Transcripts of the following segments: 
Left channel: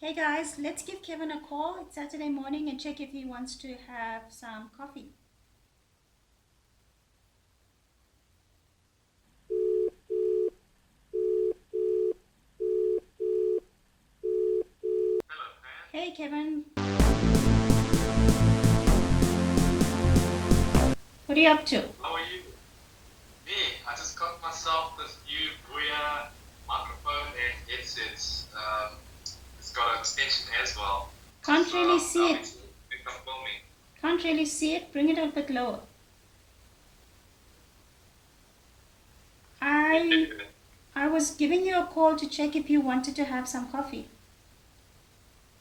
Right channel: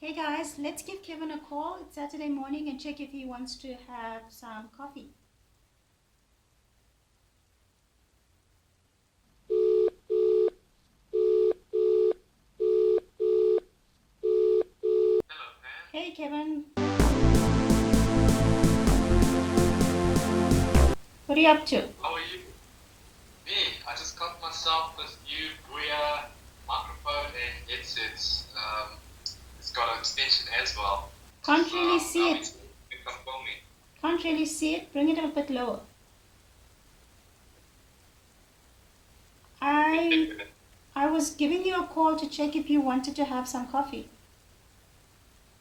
Hey guys, let's give Kevin a call. It's Saturday morning and check if he wants to have some coffee. Hello, Pam. Hey Kevin, what are you up to? How are you? Me, I just got myself this new BOYA microphone and headsets. It's got an extension as well. Can't So really I'm see it. think I'm filming. Can't really see it. Bring it a bit lower. I was giving you a call to check if you wanted to have some coffee.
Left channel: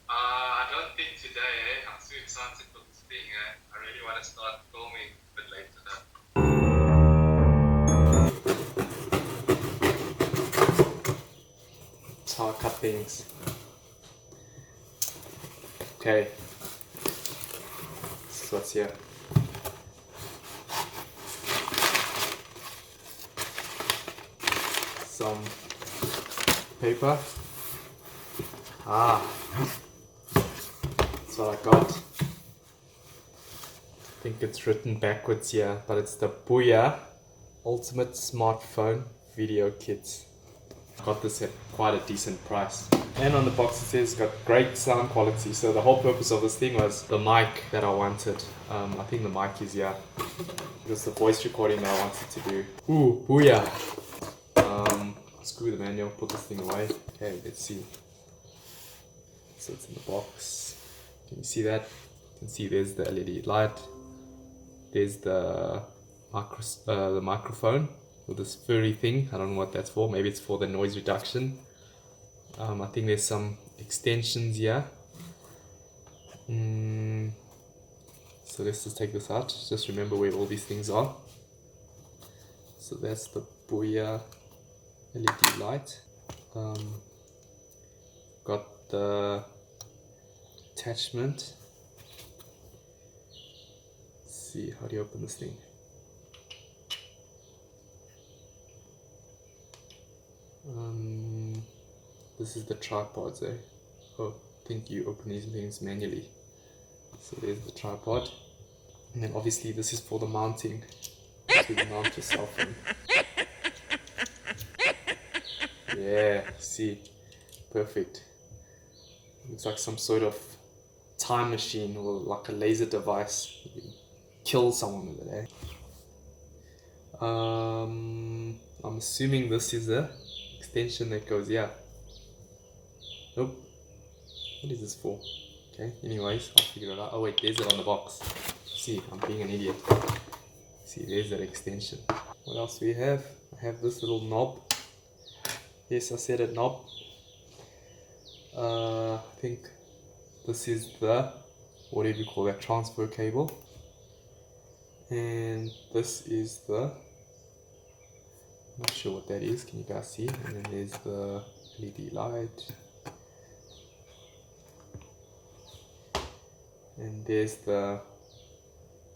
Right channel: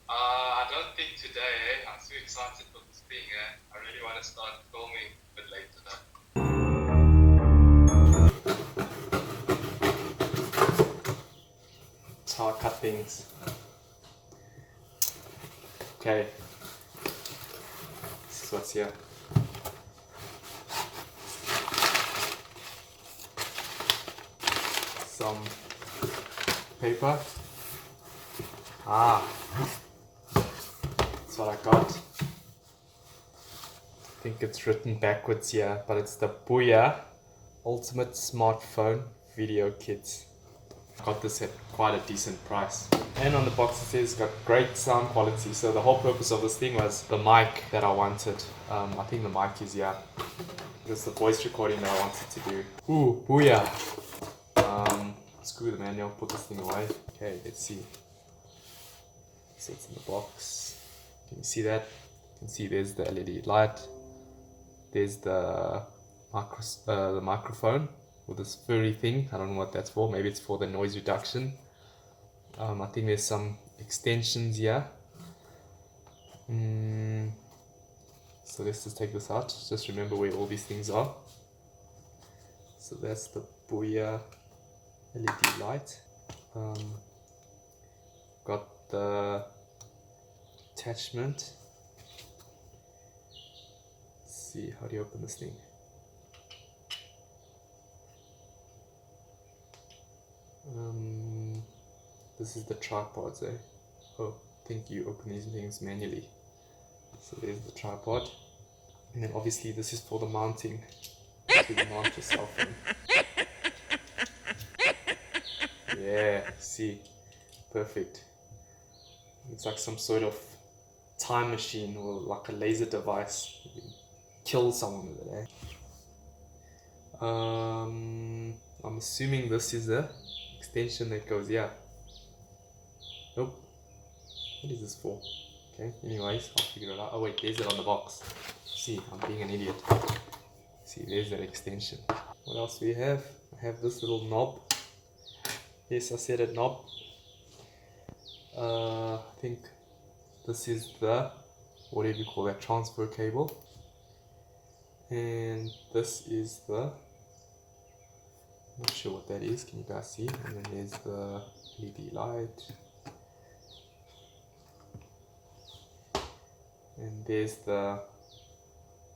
I don't think today, I'm too excited for this thing. I really want to start filming a bit later now. That's how I cut things. Okay. This is what's here. Some paper. That's what I got. I think it's written backwards here, but it's the BOYA Ultimate Smartphone Video Kit. Got this at quite a decent price. And on the box it says got great sound quality. So the whole purpose of this thing was the mic that I wanted. I think the mic is here. Just the voice recording that I wanted to do. Ooh, BOYA! Screw the manual, put this thing away. Okay, let's see. So it's in the box. Can you see that? You can see there's the LED light. There's the microphone with this furry thing. I don't know what that's for. Maybe it's for the noise reduction. I think there's some extensions here. So let's just take this out. Just remember where all these things are. So that's the BOYA LED light. Got the attachment. Let's see, how do you open this thing? This is the tripods, eh? Oh, I think you open these things manually. So there's the tripod. And then obviously this is for the mounting. To mount your cell phone. Yeah, see, perfect. Looks like some sort of time machine or like a laser device. You can kill someone with it, eh? I'm assuming this is a extension that goes here. Nope. What is this for? Okay, anyways, I'll figure it out. Oh wait, there's it on the box. See, I'm being an idiot. See, there's that extension. What else do we have? I have this little knob. Yes, I said it, knob. I think this is the, whatever you call that, transfer cable. And this is the, not sure what that is, can you guys see? And then there's the LED light. And there's the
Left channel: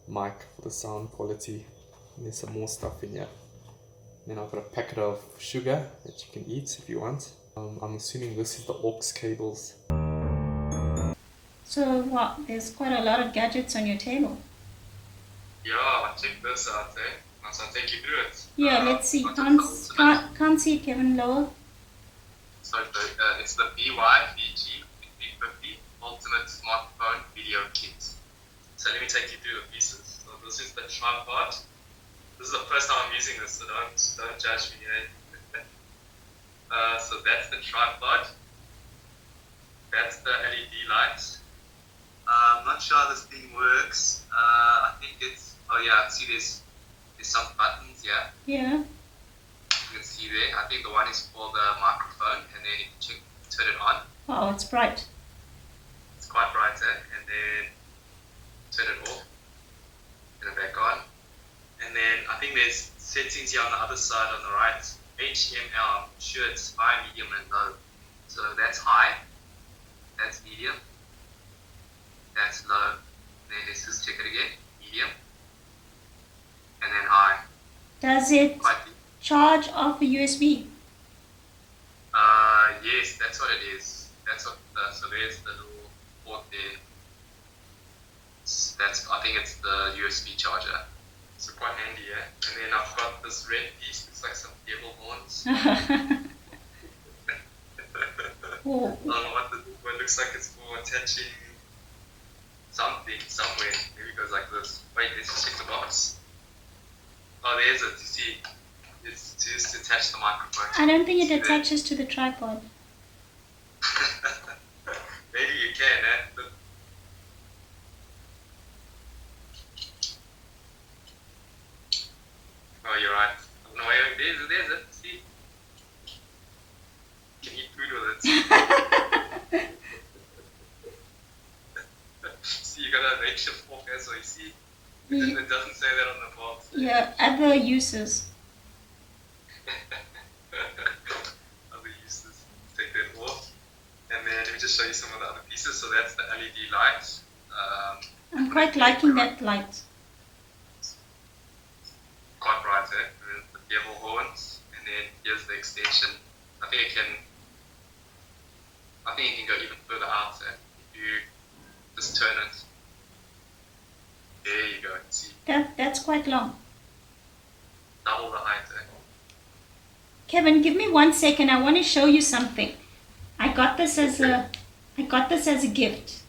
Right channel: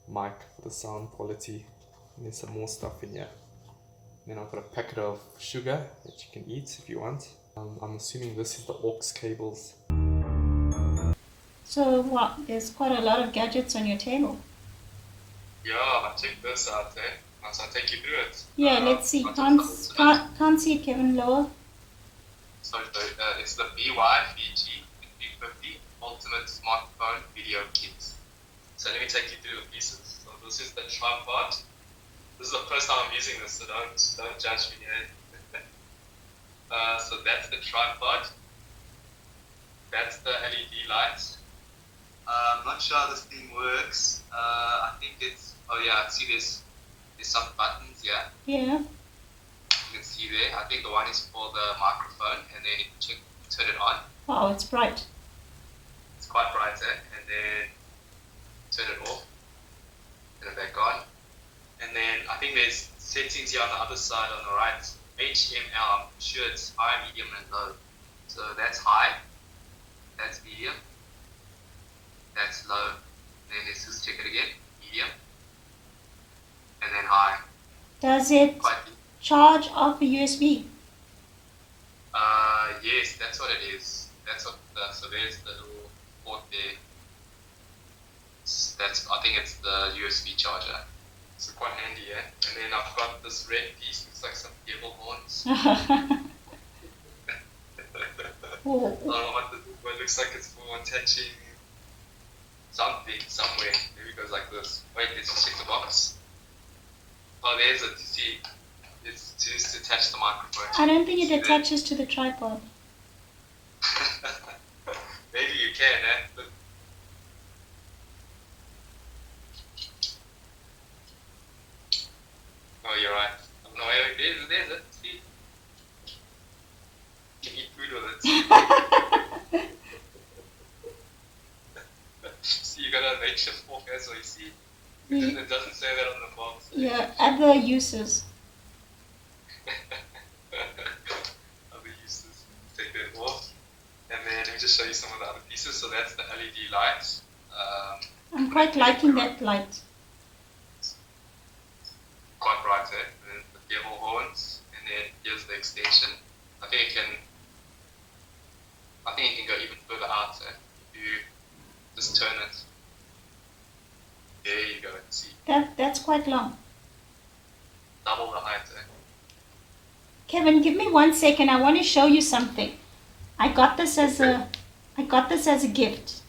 mic for the sound quality. And there's some more stuff in here. Then I've got a packet of sugar that you can eat if you want. I'm assuming this is the aux cables. So what? There's quite a lot of gadgets on your table. Yeah, check this out, eh? Once I take you through it. Yeah, let's see. Can't see it, Kevin. Lower. So it's the BY-VG350 Ultimate Smartphone Video Kit. So let me take you through the pieces. So this is the tripod. This is the first time I'm using this, so don't judge me. So that's the tripod. That's the LED light. I'm not sure how this thing works. I think it's, oh yeah, see there's some buttons here. Yeah. You can see there. I think the one is for the microphone, and then you can turn it on. Wow, it's bright. It's quite bright, eh? And then turn it off. Turn it back on. And then I think there's settings here on the other side on the right. HML, I'm sure it's high, medium, and low. So that's high. That's medium. That's low. Then let's just check it again. Medium. And then high. Does it charge off a USB? Yes, that's what it is. That's what the So there's the little port there. I think it's the USB charger. So quite handy, yeah. And then I've got this red piece. Looks like some cable horns. What looks like it's for attaching something somewhere. Maybe it goes like this. Wait, let's just check the box. Oh, there's it. You see, it's used to attach the microphone. I don't think it attaches to the tripod. Maybe you can, eh? But oh, you're right. No, wait, there's it. See? You can eat food with it. See, you got a nature fork as well, you see? It doesn't say that on the box. Yeah, other uses. Other uses. Take that off. And then let me just show you some of the other pieces. So that's the LED light. I'm quite liking that light. Quite bright, eh? And then the cable horns. And then here's the extension. I think it can go even further out, eh? If you just turn it. There you go, see. That's quite long. Double the height, eh? Kevin, give me 1 second. I want to show you something. I got this as a gift.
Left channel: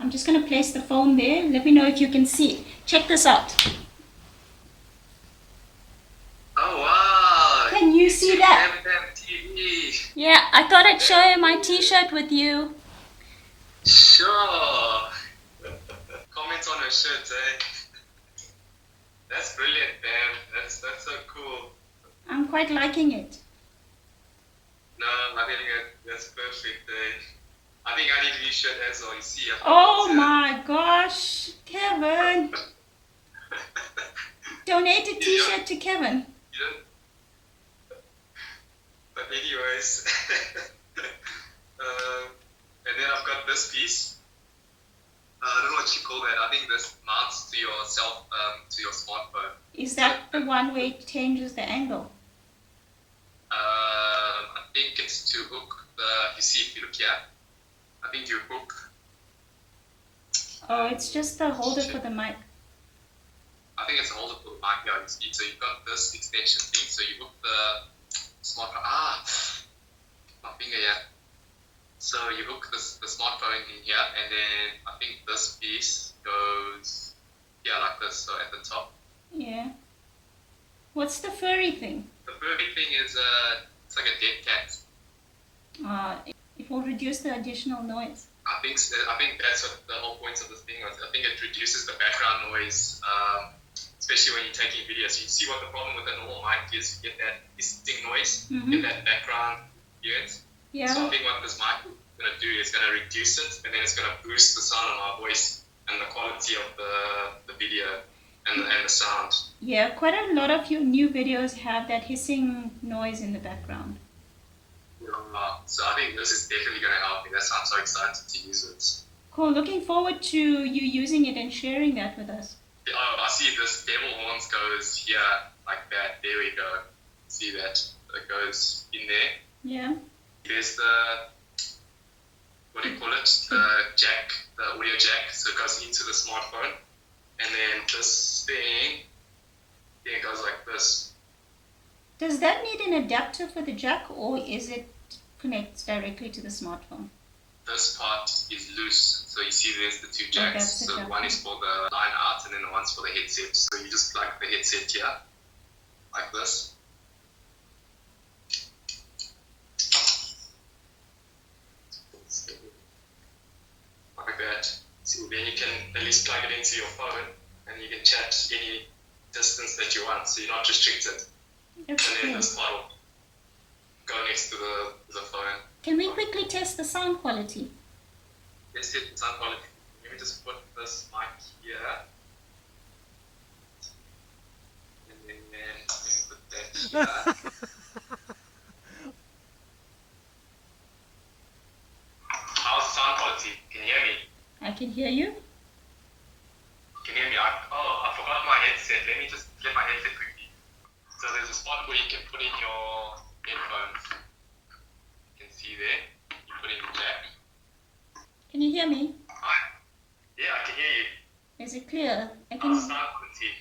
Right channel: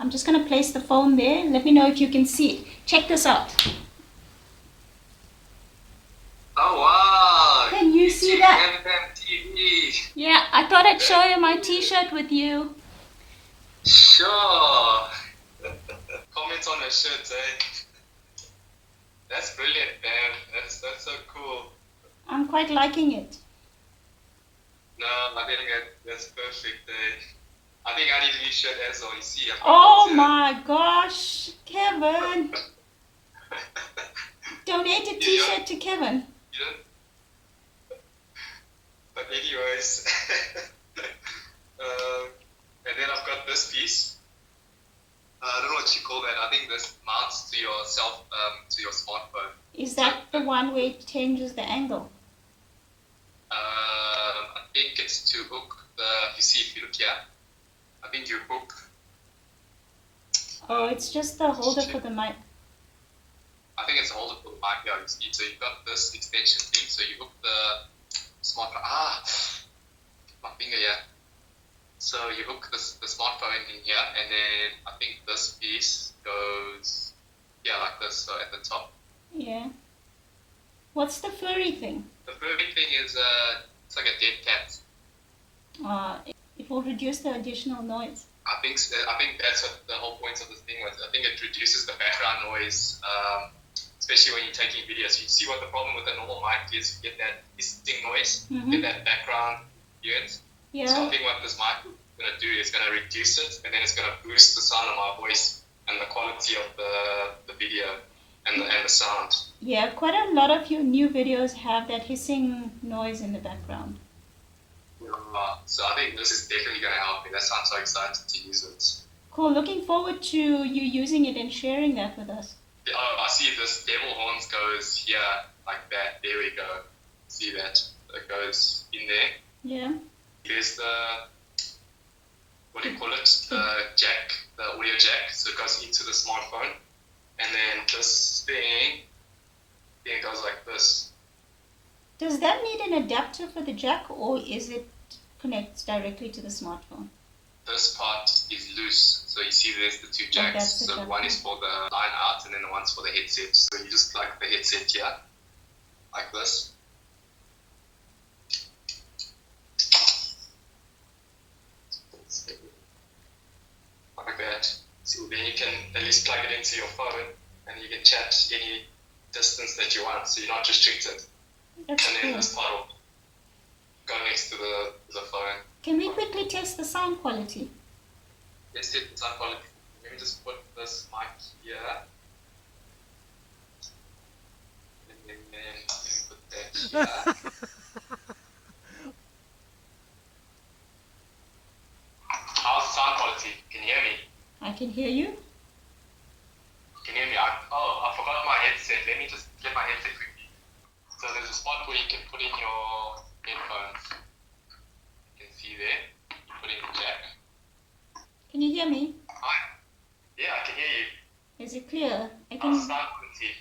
I'm just going to place the phone there. Let me know if you can see it. Check this out. Oh wow! Can you see that? TV. Yeah, I thought I'd show you my t-shirt with you. Sure. Comments on her shirt, eh? That's brilliant, man. That's so cool. I'm quite liking it. No, I think that's perfect. I think I need a new shirt as well. You see. Oh my gosh, Kevin! Donate a t-shirt to Kevin. You don't. But anyways, and then I've got this piece. I don't know what you call that. I think this mounts to your to your smartphone. Is that the one where it changes the angle? I think it's to hook you see if you look here, I think you hook. Oh, it's just the holder for the mic. I think it's a holder for the mic, yeah, you see. So you've got this extension thing, so you hook the smartphone. My finger here. So you hook the smartphone in here, and then I think this piece goes, yeah, like this, so at the top. Yeah. What's the furry thing? The furry thing is, it's like a dead cat. It will reduce the additional noise. I think that's what the whole point of this thing was. I think it reduces the background noise, especially when you're taking videos. You see what the problem with a normal mic is, you get that hissing noise, get that background noise. Yeah. So I think what this mic is going to do is going to reduce it, and then it's going to boost the sound of my voice and the quality of the video and the sound. Yeah, quite a lot of your new videos have that hissing noise in the background. So I think this is definitely going to help me. That's why I'm so excited to use it. Cool. Looking forward to you using it and sharing that with us. Oh, I see this cable horns goes here like that. There we go. See that? It goes in there. Yeah. There's the, what do you call it? The jack, the audio jack. So it goes into the smartphone. And then this thing, it goes like this. Does that need an adapter for the jack, or is it connects directly to the smartphone? This part is loose. So you see there's the two jacks. So one is for the line out, and then the one's for the headset. So you just plug the headset here, like this. Like that. So then you can at least plug it into your phone, and you can chat any distance that you want. So you're not restricted. That's and cool. then this part will go next to the phone. Can we quickly test the sound quality? Let's test the sound quality. Let me just put this mic here. And then let me put that here. How's the sound quality? Can you hear me? I can hear you. Can you hear me? I forgot my headset. Let me just get my headset quickly. So there's a spot where you can put in your headphones. You can see there. You put in the jack. Can you hear me? Yeah, I can hear you. Is it clear? How's sound quality?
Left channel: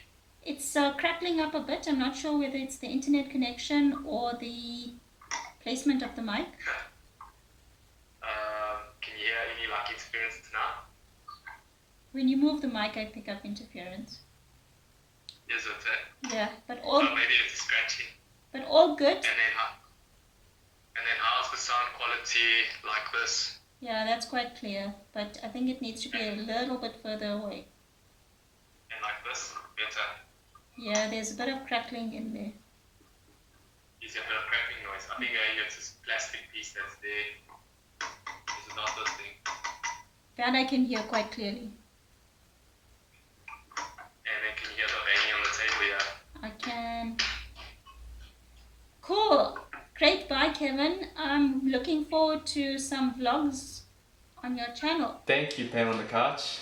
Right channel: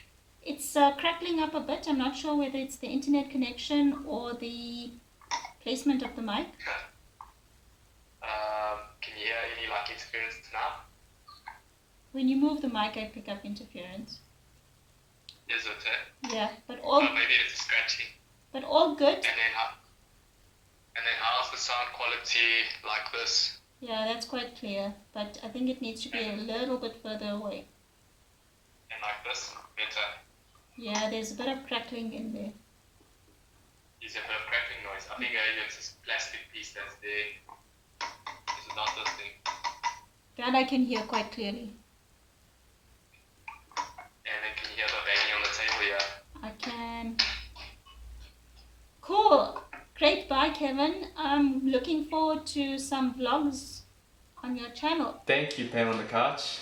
It's crackling up a bit. I'm not sure whether it's the internet connection or the placement of the mic. Can you hear any like interference now? When you move the mic, I pick up interference. Is it? Yeah, but Oh, maybe it's scratchy. But all good. And then how's the sound quality like this? Yeah, that's quite clear, but I think it needs to be a little bit further away. And like this, better. Yeah, there's a bit of crackling in there. Is a bit of crackling noise. I think it's this plastic piece that's there. Is it not this thing? That I can hear quite clearly. And then can you hear the banging on the table here? I can. Cool. Great. Bye, Kevin. I'm looking forward to some vlogs on your channel. Thank you, Pam on the couch.